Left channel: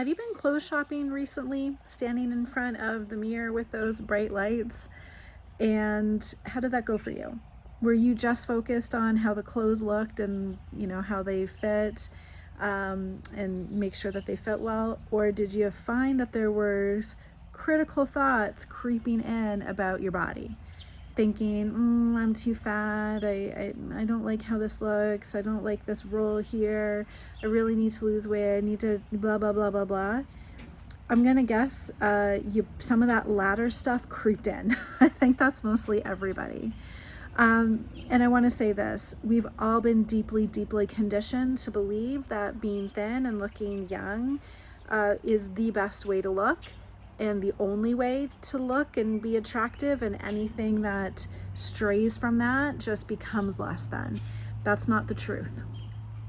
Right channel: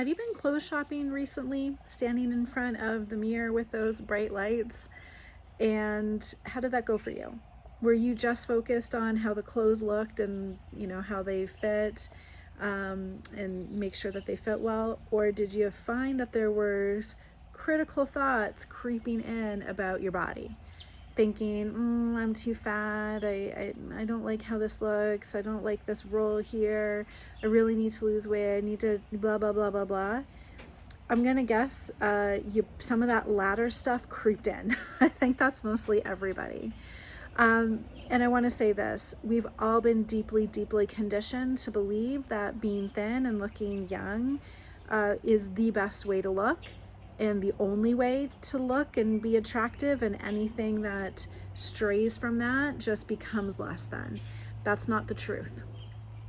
Have you been clothes shopping recently, standing in front of the mirror with those bright lights? And how did that go for you? Were you just focused on how the clothes looked and how they fit, and make sure that they fit well? Or did you find that there was critical thoughts creeping in about your body? Thinking, I'm too fat, I don't like how this looks, I don't like this roll here, I really need to lose weight, I need to blah, blah, blah, blah, blah. I'm gonna guess some of that latter stuff creeped in. I think that's mostly everybody. And I want to say this, we've all been deeply, deeply conditioned to believe that being thin and looking young is the best way to look and the only way to look and be attractive, and anything that strays from that just becomes less than. That's not the truth.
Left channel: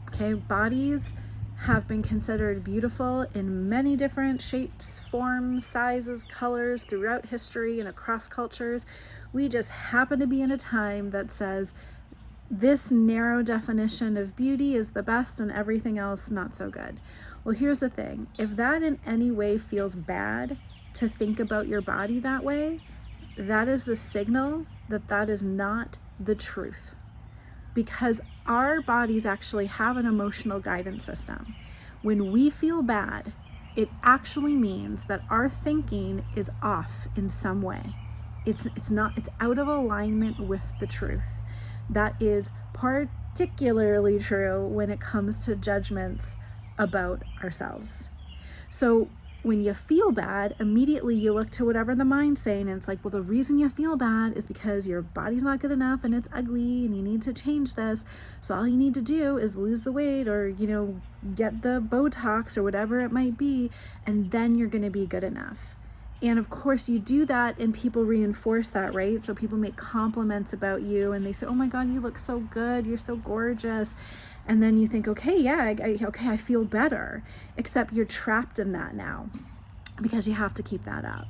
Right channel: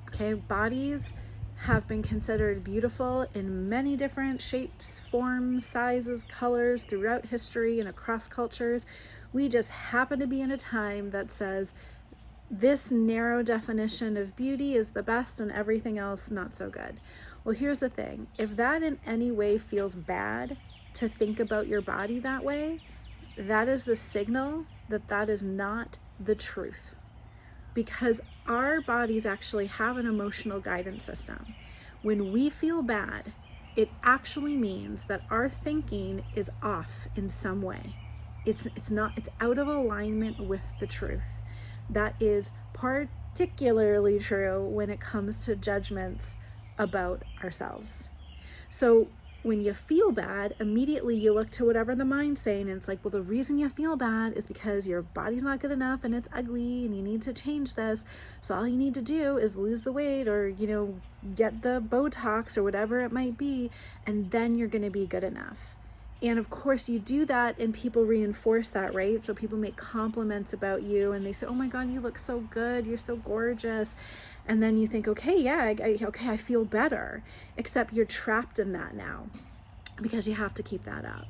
Okay, bodies have been considered beautiful in many different shapes, forms, sizes, colors throughout history and across cultures. We just happen to be in a time that says this narrow definition of beauty is the best and everything else not so good. Well, here's the thing. If that in any way feels bad to think about your body that way, that is the signal that that is not the truth. Because our bodies actually have an emotional guidance system. When we feel bad, it actually means that our thinking is off in some way. It's out of alignment with the truth. That is particularly true when it comes to judgments about ourselves. So when you feel bad, immediately you look to whatever the mind's saying, and it's like, well, the reason you feel bad is because your body's not good enough and it's ugly and you need to change this. So all you need to do is lose the weight or, get the Botox or whatever it might be, and then you're going to be good enough. And of course you do that and people reinforce that, right? So people make compliments about you and they say, oh my God, you look so good. You're so gorgeous. And then you think, okay, yeah, I feel better, except you're trapped in that now because you have to keep that up.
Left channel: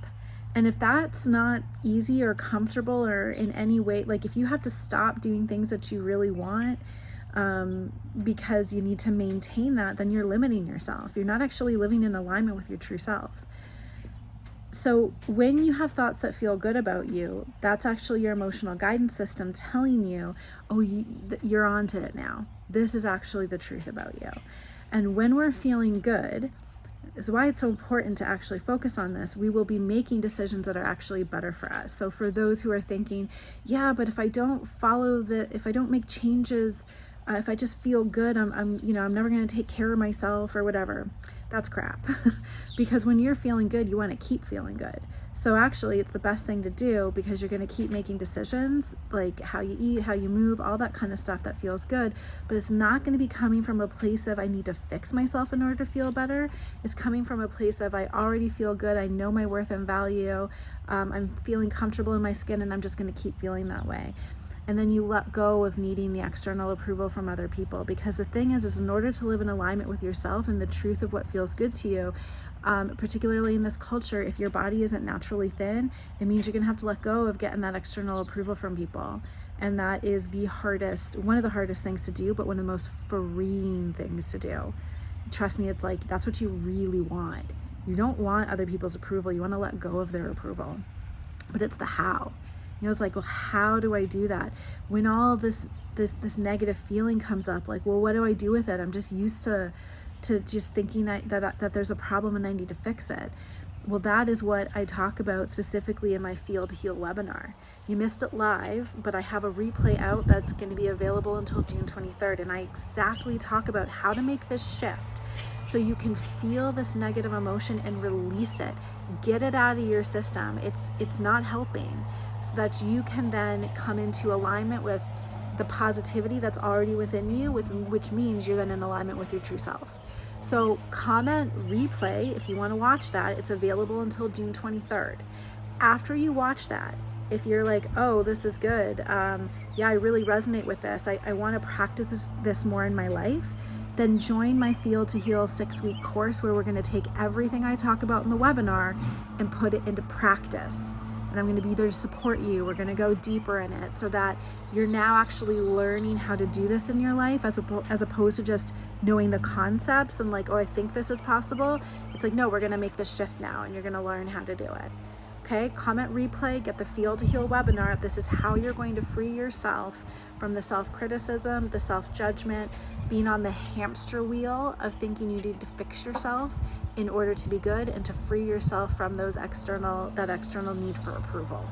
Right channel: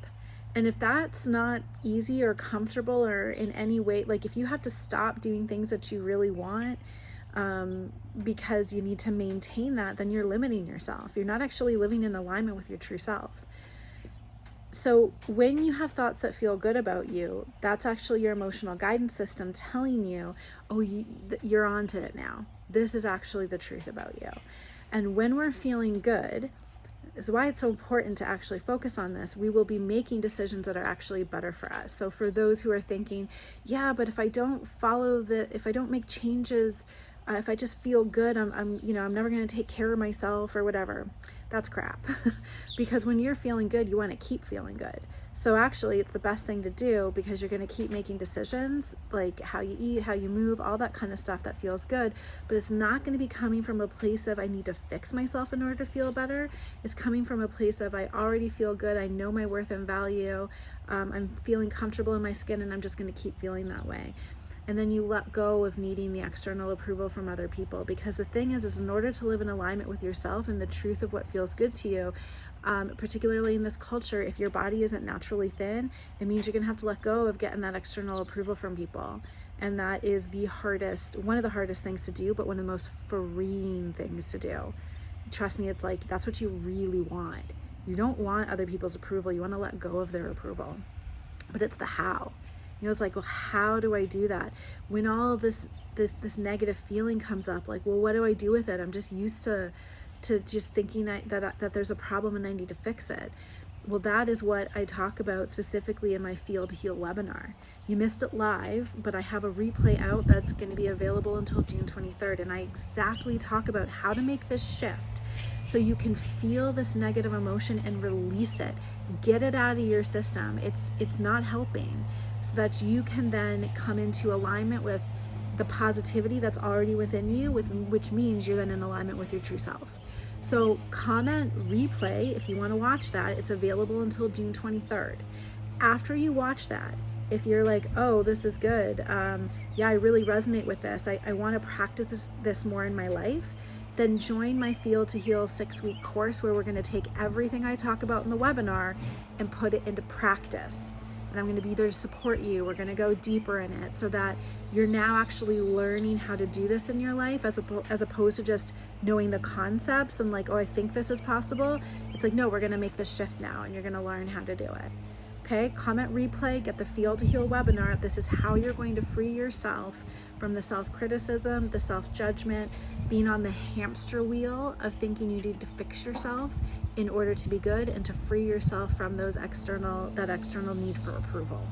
And if that's not easy or comfortable or in any way, like if you have to stop doing things that you really want, because you need to maintain that, then you're limiting yourself. You're not actually living in alignment with your true self. So when you have thoughts that feel good about you, that's actually your emotional guidance system telling you, oh, you're onto it now. This is actually the truth about you. And when we're feeling good, is why it's so important to actually focus on this. We will be making decisions that are actually better for us. So for those who are thinking, yeah, but if I don't if I don't make changes, if I just feel good, I'm never going to take care of myself or whatever. That's crap. Because when you're feeling good, you want to keep feeling good. So actually it's the best thing to do, because you're going to keep making decisions like how you eat, how you move, all that kind of stuff that feels good. But it's not going to be coming from a place of I need to fix myself in order to feel better. It's coming from a place of I already feel good. I know my worth and value. I'm feeling comfortable in my skin, and I'm just going to keep feeling that way. And then you let go of needing the external approval from other people. Because the thing is in order to live in alignment with yourself and the truth of what feels good to you, particularly in this culture, if your body isn't naturally thin, it means you're gonna have to let go of getting that external approval from people. And that is one of the hardest things to do, but one of the most freeing things to do. Trust me, it's like, that's what you really want. You don't want other people's approval. You wanna let go of their approval. But it's the how. It's like, well, how do I do that? When all this negative feeling comes up, like, well, what do I do with it? I'm just used to just thinking that there's a problem and I need to fix it. Well, that is what I talk about specifically in my Feel to Heal webinar. You missed it live, but I have a replay out that's going to be available until June 23rd. And I exactly talk about how to make this shift so you can feel this negative emotion and release it. Get it out of your system. It's not helping, so that you can then come into alignment with the positivity that's already within you, which means you're then in alignment with your true self. So comment replay if you want to watch that. It's available until June 23rd. After you watch that, if you're like, oh, this is good, yeah, I really resonate with this, I want to practice this more in my life, then join my Feel to Heal 6-week course, where we're going to take everything I talk about in the webinar and put it into practice. and I'm going to be there to support you. We're going to go deeper in it so that you're now actually learning how to do this in your life, as opposed to just knowing the concepts and like, oh, I think this is possible. It's like, no, we're going to make this shift now, and you're going to learn how to do it. Okay, comment replay, get the Feel to Heal webinar. This is how you're going to free yourself from the self-criticism, the self-judgment, being on the hamster wheel of thinking you need to fix yourself in order to be good, and to free yourself from that external need for approval.